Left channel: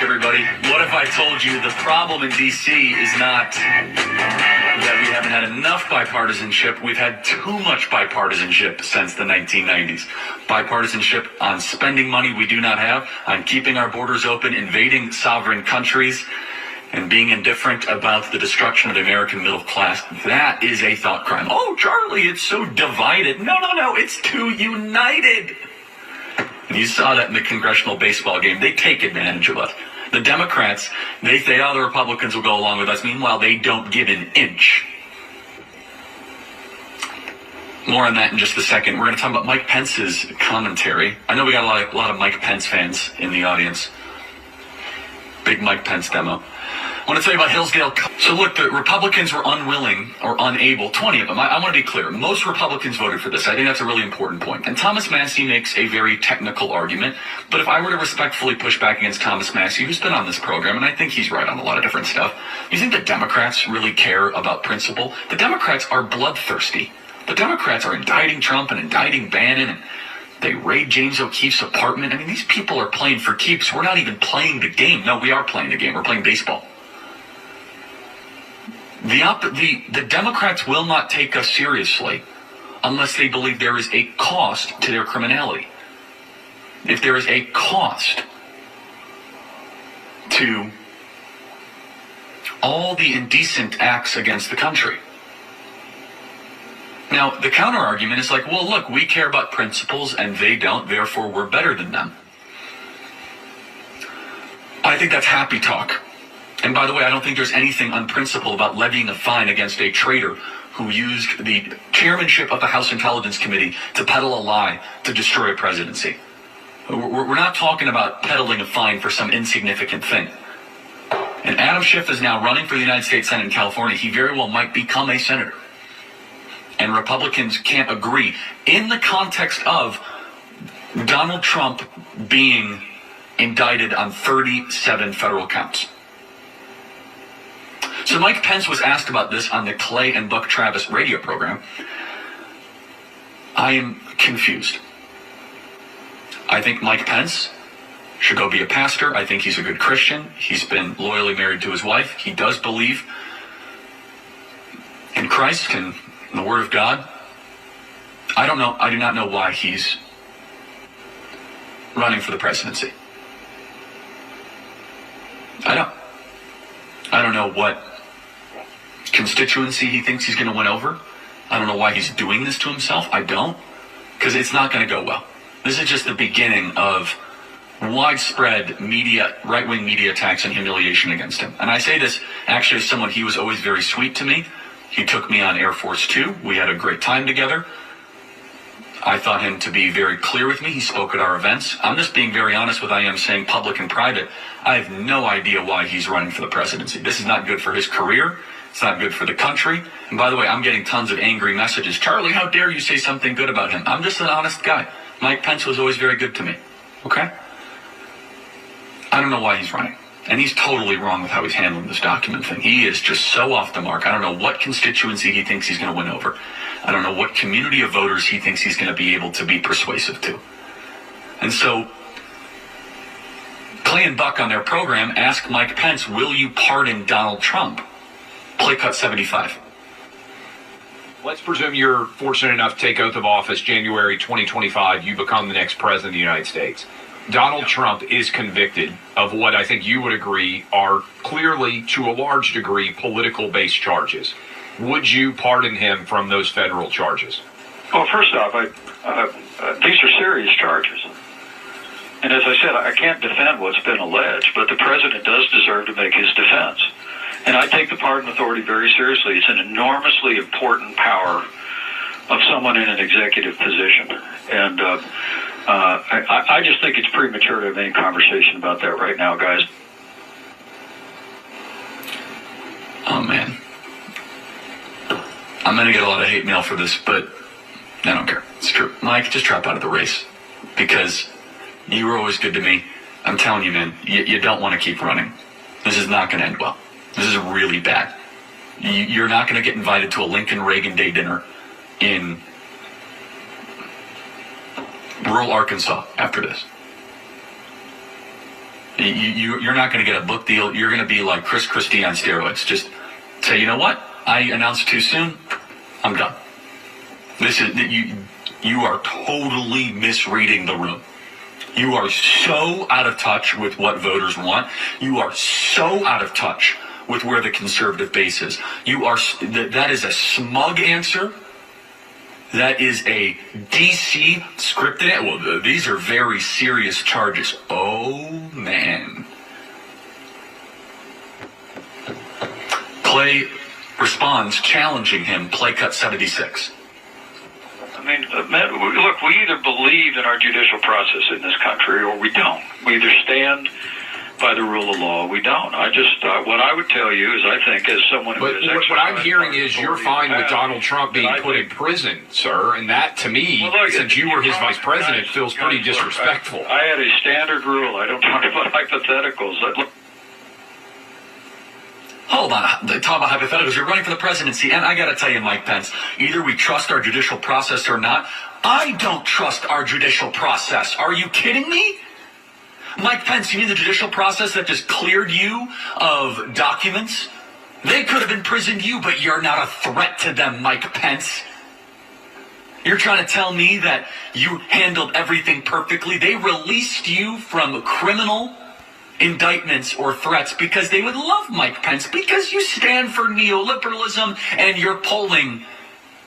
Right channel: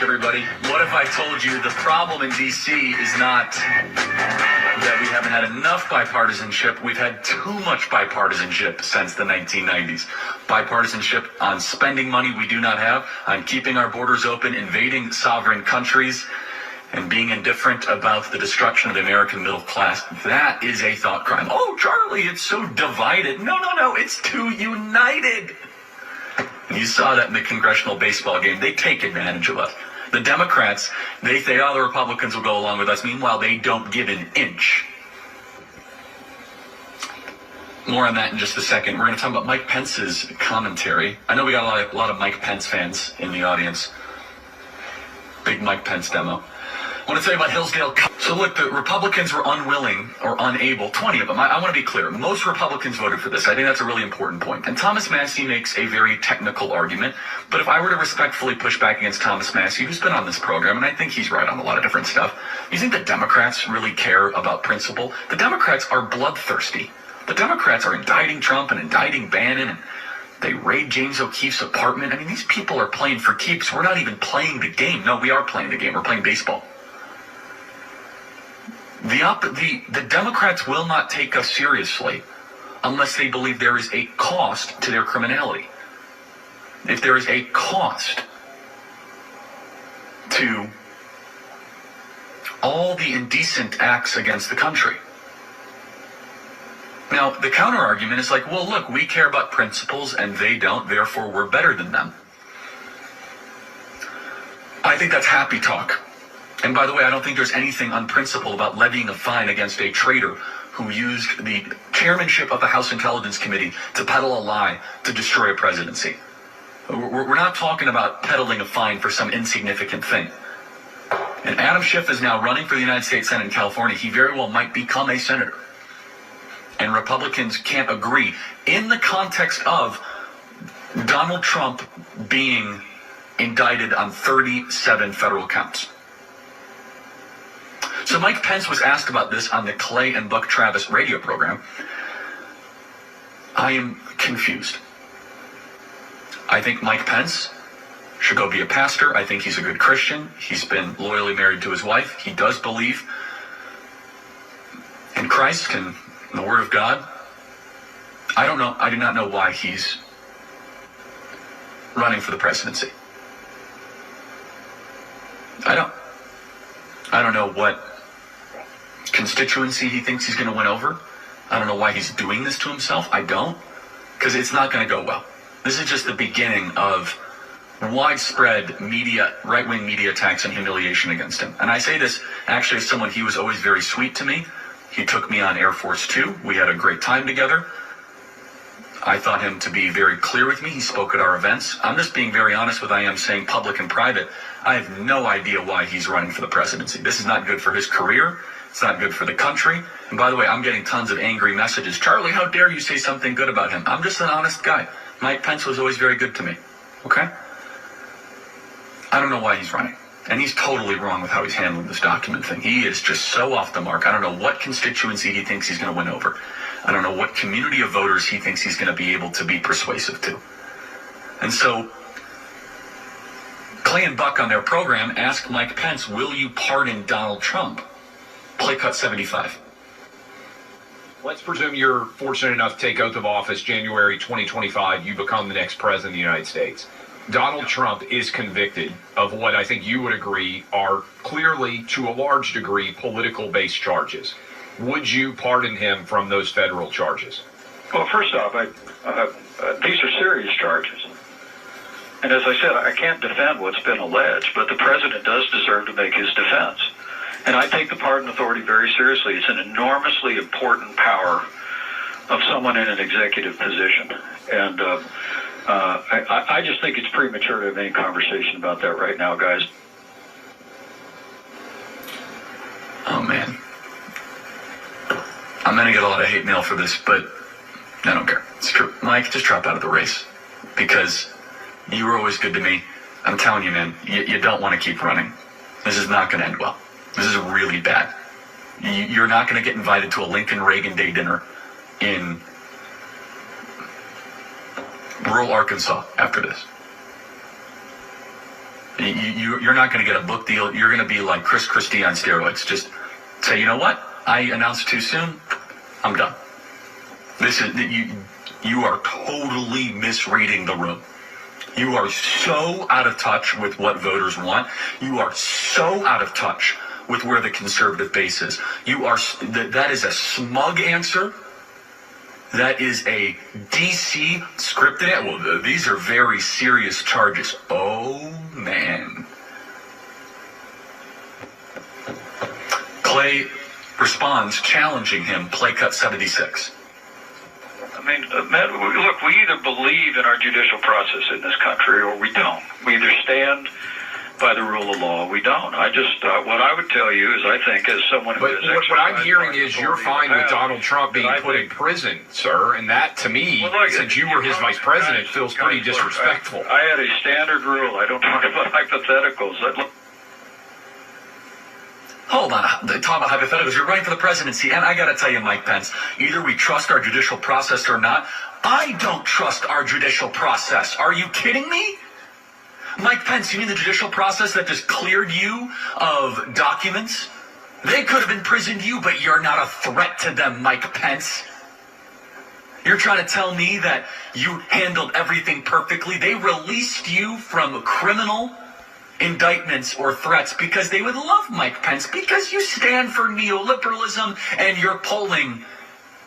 Everybody, what if I told you the problem in D.C. is not that we haven't had enough bipartisanship, we've had too much bipartisanship since the 1990s. Bipartisanship on spending money we do not have, on keeping our borders open, invading sovereign countries, and being indifferent about the destruction of the American middle class. That is a thought crime. Oh, Charlie, it's so divided. No, it's too united. You saw that in the congressional baseball game. They take advantage of us. The Democrats, they say, oh, the Republicans will go along with us. Meanwhile, they don't give an inch. More on that in just a second. We're going to talk about Mike Pence's commentary. I know we got a lot of Mike Pence fans in the audience. Big Mike Pence demo. I want to tell you about Hillsdale. So look, the Republicans were unwilling or unable, 20 of them. I want to be clear. Most Republicans voted for this. I think that's a really important point. And Thomas Massie makes a very technical argument. But if I were to respectfully push back against Thomas Massie, who's been on this program, and I think he's right on a lot of different stuff, you think the Democrats really care about principle? The Democrats are bloodthirsty. The Democrats are indicting Trump and indicting Bannon, and they raid James O'Keefe's apartment. I mean, these people are playing for keeps. We're not even playing the game. No, we are playing the game. We're playing baseball. The Democrats will not take us seriously unless they believe there is a cost to their criminality. If there is a cost to all the indecent acts against the country. Now, the counter argument is like, well, look, we care about principles and they don't, therefore we're better than them. I think that's happy talk. And by the way, I don't think there's anything unprincipled about levying a fine against a traitor who used the chairmanship of the House Intelligence Committee to peddle a lie to destroy a presidency. We're not talking about peddling a fine for some insignificant thing. And Adam Schiff is now running for the United States Senate in California. He very well might become a senator. And Republicans can't agree in the context of Donald Trump being indicted on 37 federal counts. So Mike Pence was asked about this on the Clay and Buck Travis radio program. I am confused. I think Mike Pence should go be a pastor. I think he's a good Christian. He's been loyally married to his wife. He does believe in Christ and the Word of God. I don't know. I do not know why he's running for the presidency. I don't know what constituency he thinks he's going to win over. I don't know why he's doing this to himself. I don't, because it's not going to go well. This is just the beginning of widespread media, right-wing media attacks and humiliation against him. And I say this actually as someone, he was always very sweet to me. He took me on Air Force 2. We had a great time together. I thought him to be very clear with me. He spoke at our events. I'm just being very honest with I am saying public and private. I have no idea why he's running for the presidency. This is not good for his career. It's not good for the country. And by the way, I'm getting tons of angry messages. Charlie, how dare you say something good about him? I'm just an honest guy. Mike Pence was always very good to me. Okay? I don't know why he's running. And he's totally wrong with how he's handling this document thing. He is just so off the mark. I don't know what constituency he thinks he's going to win over. I don't know what community of voters he thinks he's going to be able to be persuasive to. And so Clay and Buck on their program asked Mike Pence, will you pardon Donald Trump? Play cut 75. Let's presume you're fortunate enough to take oath of office January 2025. You become the next president of the United States. Donald Trump is convicted of what I think you would agree are clearly, to a large degree, political-based charges. Would you pardon him from those federal charges? Well, first off, these are serious charges. And as I said, I can't defend what's been alleged, but the president does deserve to make his defense. And I take the pardon authority very seriously. It's an enormously important power of someone in an executive position. And I just think it's premature to have any conversation about that right now, guys. Oh, man. I'm going to get a lot of hate mail for this, but I don't care. It's true. Mike, just drop out of the race because you were always good to me. I'm telling you, man, you don't want to keep running. This is not going to end well. This is really bad. You're not going to get invited to a Lincoln Reagan Day dinner in rural Arkansas after this. You're not going to get a book deal. You're going to be like Chris Christie on steroids. Just say, you know what? I announced too soon. I'm done. You are totally misreading the room. You are so out of touch with what voters want. You are so out of touch with where the conservative base is. That is a smug answer. That is a DC scripted. Well, these are very serious charges. Oh, man. Clay responds, challenging him, play cut 76. I mean, Matt, look, we either believe in our judicial process in this country or we don't. We either stand by the rule of law or we don't. I just, what I would tell you is I think as someone who has But what I'm hearing is you're fine with Donald Trump being put in prison, sir, and that, to me, since you were his vice president, feels pretty disrespectful. I had a standard rule. I don't talk about hypotheticals. Hold on, talk about hypotheticals. You're running for the presidency, and I got to tell you, Mike Pence, either we trust our judicial process or not. I don't trust our judicial process. Are you kidding me? Mike Pence, you mean the judicial process that just cleared you of documents? They could have imprisoned you, but you're not a threat to them, Mike Pence. You're trying to tell me that you handled everything perfectly. They released you from criminal indictments or threats because they would love Mike Pence, because you stand for neoliberalism and you're polling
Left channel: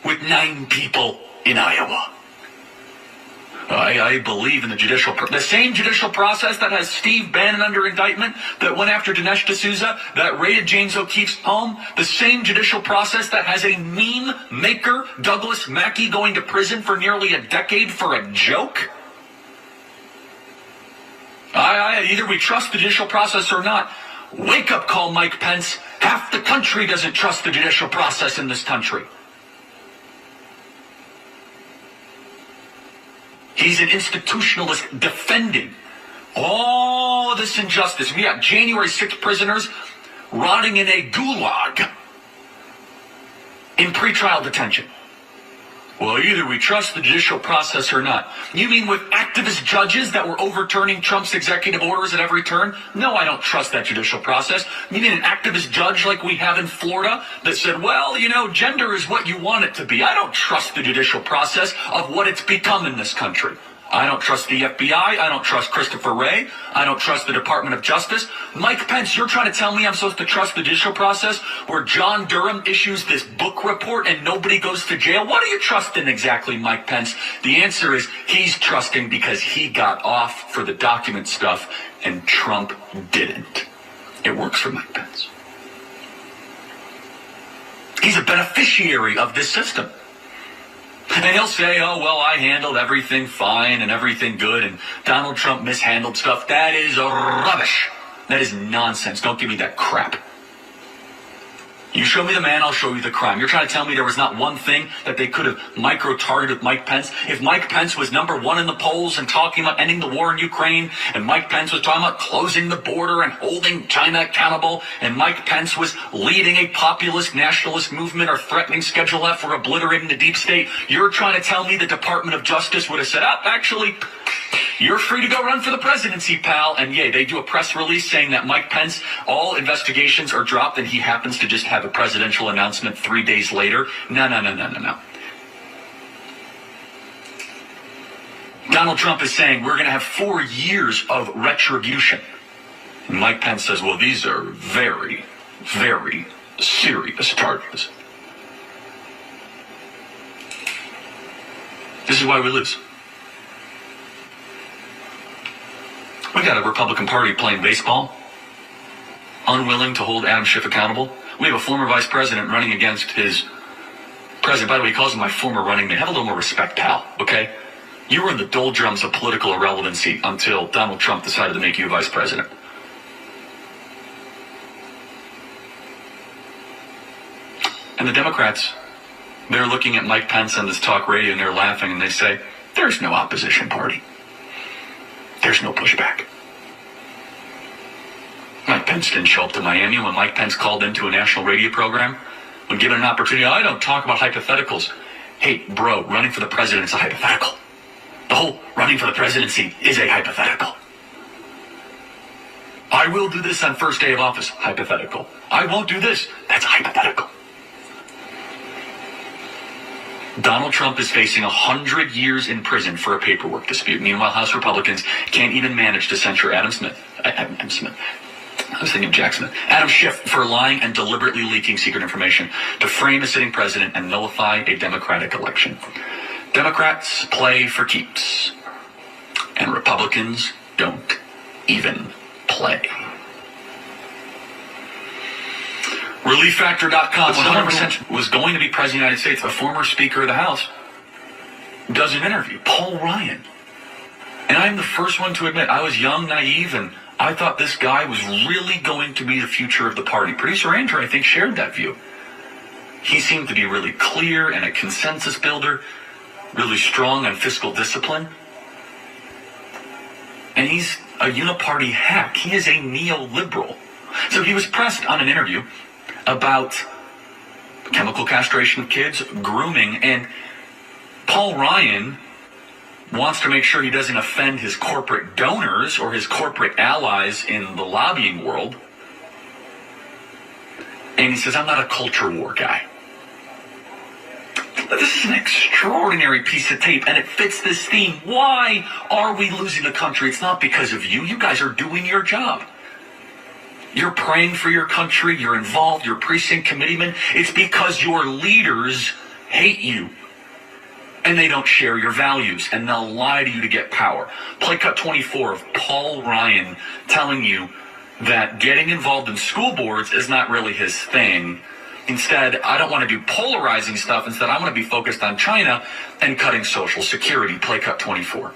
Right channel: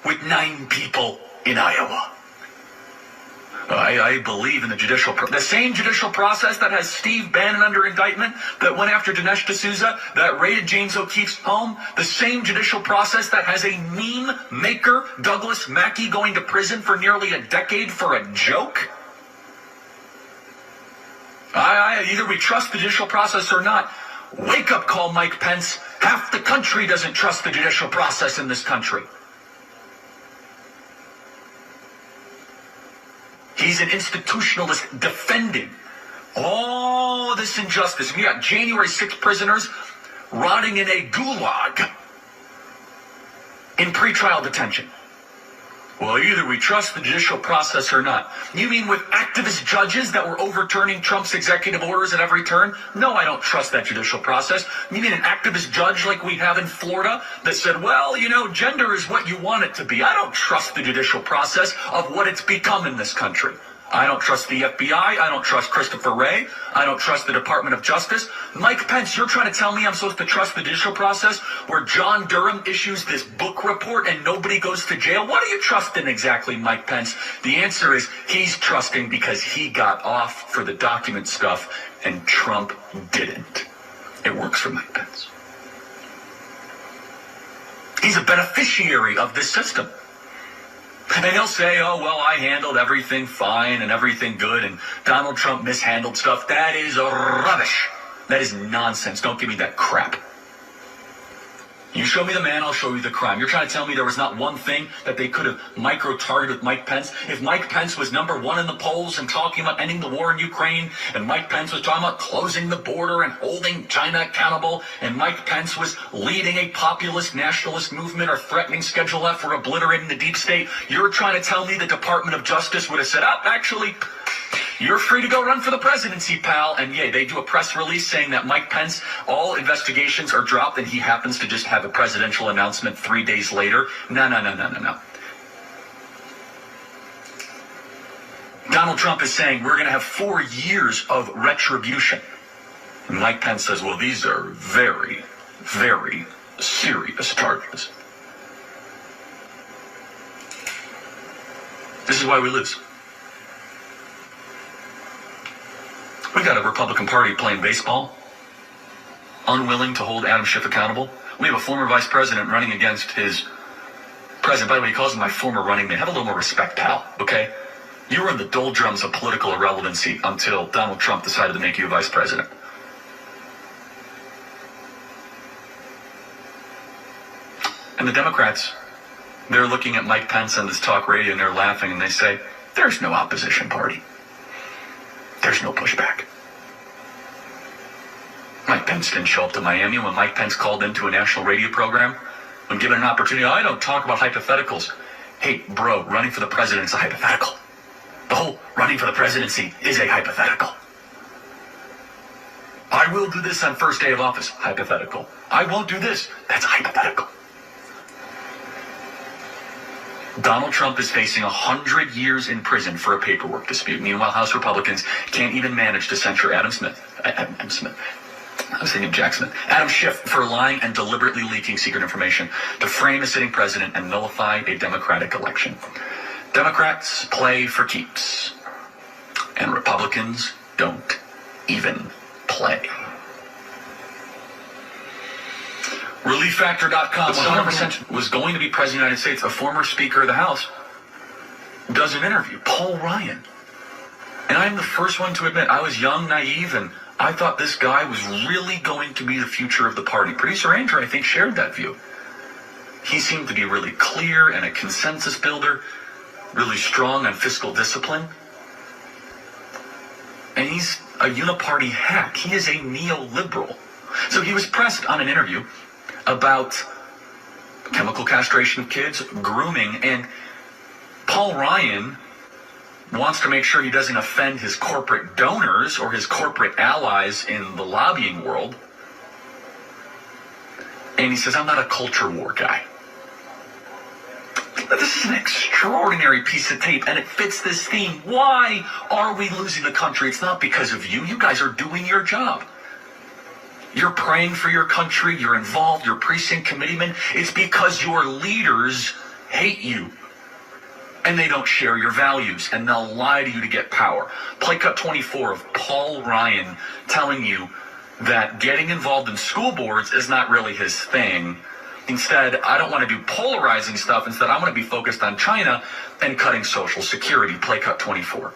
with 9 people in Iowa. I believe in the same judicial process that has Steve Bannon under indictment, that went after Dinesh D'Souza, that raided James O'Keefe's home, the same judicial process that has a meme maker, Douglas Mackey, going to prison for nearly a decade for a joke. Either we trust the judicial process or not. Wake up call, Mike Pence. Half the country doesn't trust the judicial process in this country. He's an institutionalist defending all this injustice. We got January 6th prisoners rotting in a gulag in pretrial detention. Well, either we trust the judicial process or not. You mean with activist judges that were overturning Trump's executive orders at every turn? No, I don't trust that judicial process. You mean an activist judge like we have in Florida that said, well, gender is what you want it to be. I don't trust the judicial process of what it's become in this country. I don't trust the FBI. I don't trust Christopher Wray. I don't trust the Department of Justice. Mike Pence, you're trying to tell me I'm supposed to trust the judicial process where John Durham issues this book report and nobody goes to jail? What are you trusting exactly, Mike Pence? The answer is he's trusting because he got off for the document stuff and Trump didn't. It works for Mike Pence. He's a beneficiary of this system. And he'll say, oh, well, I handled everything fine and everything good, and Donald Trump mishandled stuff. That is rubbish. That is nonsense. Don't give me that crap. You show me the man, I'll show you the crime. You're trying to tell me there was not one thing that they could have micro-targeted with Mike Pence? If Mike Pence was number 1 in the polls and talking about ending the war in Ukraine, and Mike Pence was talking about closing the border and holding China accountable, and Mike Pence was leading a populist nationalist movement or threatening Schedule F or obliterating the deep state, you're trying to tell me the Department of Justice would have said, actually, you're free to go run for the presidency, pal. And yeah, they do a press release saying that Mike Pence, all investigations are dropped and he happens to just have a presidential announcement 3 days later. No. Donald Trump is saying we're going to have 4 years of retribution. And Mike Pence says, well, these are very, very serious charges. This is why we lose. We got a Republican Party playing baseball, unwilling to hold Adam Schiff accountable. We have a former vice president running against his president. By the way, he calls him my former running mate. Have a little more respect, pal, okay? You were in the doldrums of political irrelevancy until Donald Trump decided to make you vice president. And the Democrats, they're looking at Mike Pence on this talk radio and they're laughing and they say, there's no opposition party. There's no pushback. Mike Pence didn't show up to Miami when Mike Pence called into a national radio program. When given an opportunity, I don't talk about hypotheticals. Hey, bro, running for the president is a hypothetical. The whole running for the presidency is a hypothetical. will do this on first day of office. Hypothetical. I won't do this. That's hypothetical. Donald Trump is facing 100 years in prison for a paperwork dispute. Meanwhile, House Republicans can't even manage to censure Adam Schiff. Adam Schiff for lying and deliberately leaking secret information to frame a sitting president and nullify a democratic election. Democrats play for keeps, and Republicans don't even play. ReliefFactor.com. Someone was going to be president of the United States. A former Speaker of the House does an interview. Paul Ryan. And I'm the first one to admit I was young, naive, and I thought this guy was really going to be the future of the party. Producer Andrew, I think, shared that view. He seemed to be really clear and a consensus builder, really strong on fiscal discipline. And he's a uniparty hack. He is a neoliberal. So he was pressed on an interview about chemical castration of kids, grooming, and Paul Ryan wants to make sure he doesn't offend his corporate donors or his corporate allies in the lobbying world. And he says, I'm not a culture war guy. This is an extraordinary piece of tape, and it fits this theme. Why are we losing the country? It's not because of you. You guys are doing your job. You're praying for your country. You're involved. You're precinct committeemen. It's because your leaders hate you, and they don't share your values, and they'll lie to you to get power. Play cut 24 of Paul Ryan telling you that getting involved in school boards is not really his thing. Instead, I don't want to do polarizing stuff. Instead, I want to be focused on China and cutting Social Security. Play cut 24.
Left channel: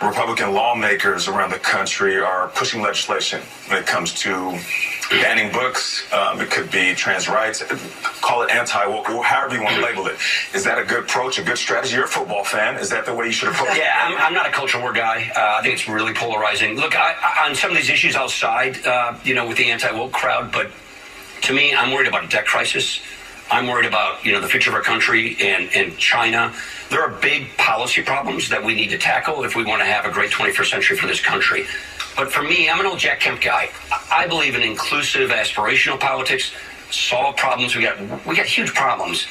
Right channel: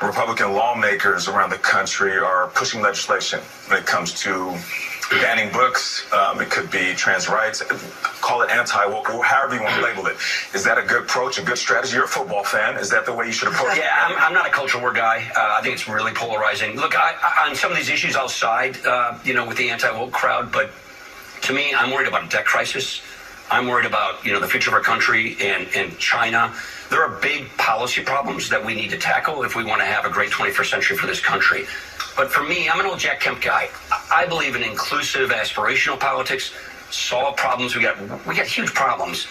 Republican lawmakers around the country are pushing legislation when it comes to banning books. It could be trans rights. Call it anti-woke, however you want to label it. Is that a good approach, a good strategy? You're a football fan. Is that the way you should approach it? Yeah, I'm not a culture war guy. I think it's really polarizing. Look, on some of these issues, I'll side, with the anti-woke crowd. But to me, I'm worried about a debt crisis. I'm worried about, the future of our country and China. There are big policy problems that we need to tackle if we want to have a great 21st century for this country. But for me, I'm an old Jack Kemp guy. I believe in inclusive, aspirational politics. Solve problems. We got huge problems.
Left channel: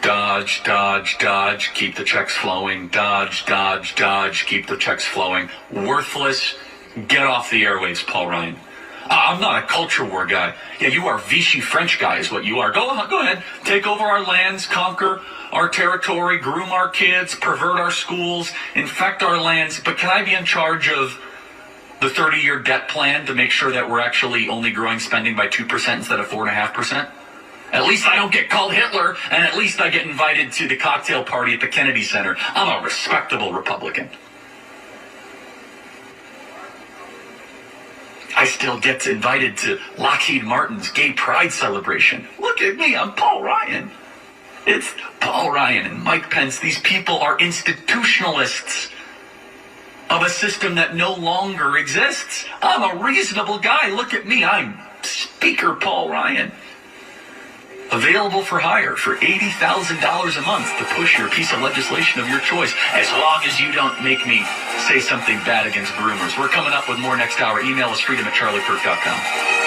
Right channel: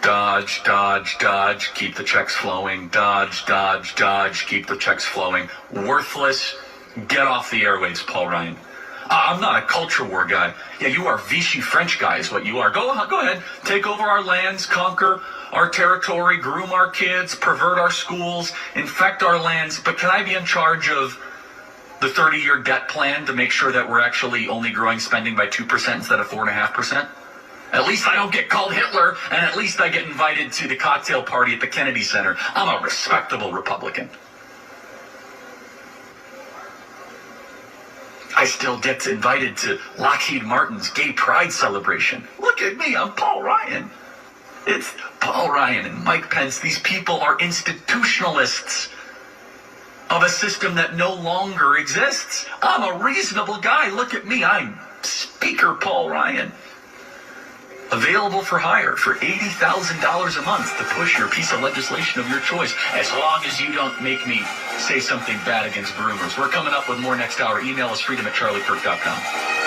Dodge, dodge, dodge, keep the checks flowing. Dodge, dodge, dodge, keep the checks flowing. Worthless. Get off the airwaves, Paul Ryan. I'm not a culture war guy. Yeah, you are Vichy French guy is what you are. Go ahead. Take over our lands, conquer our territory, groom our kids, pervert our schools, infect our lands. But can I be in charge of the 30-year debt plan to make sure that we're actually only growing spending by 2% instead of 4.5%? At least I don't get called Hitler, and at least I get invited to the cocktail party at the Kennedy Center. I'm a respectable Republican. I still get invited to Lockheed Martin's gay pride celebration. Look at me, I'm Paul Ryan. It's Paul Ryan and Mike Pence. These people are institutionalists of a system that no longer exists. I'm a reasonable guy. Look at me, I'm Speaker Paul Ryan. Available for hire for $80,000 a month to push your piece of legislation of your choice, as long as you don't make me say something bad against groomers. We're coming up with more next hour. Email us freedom@charliekirk.com.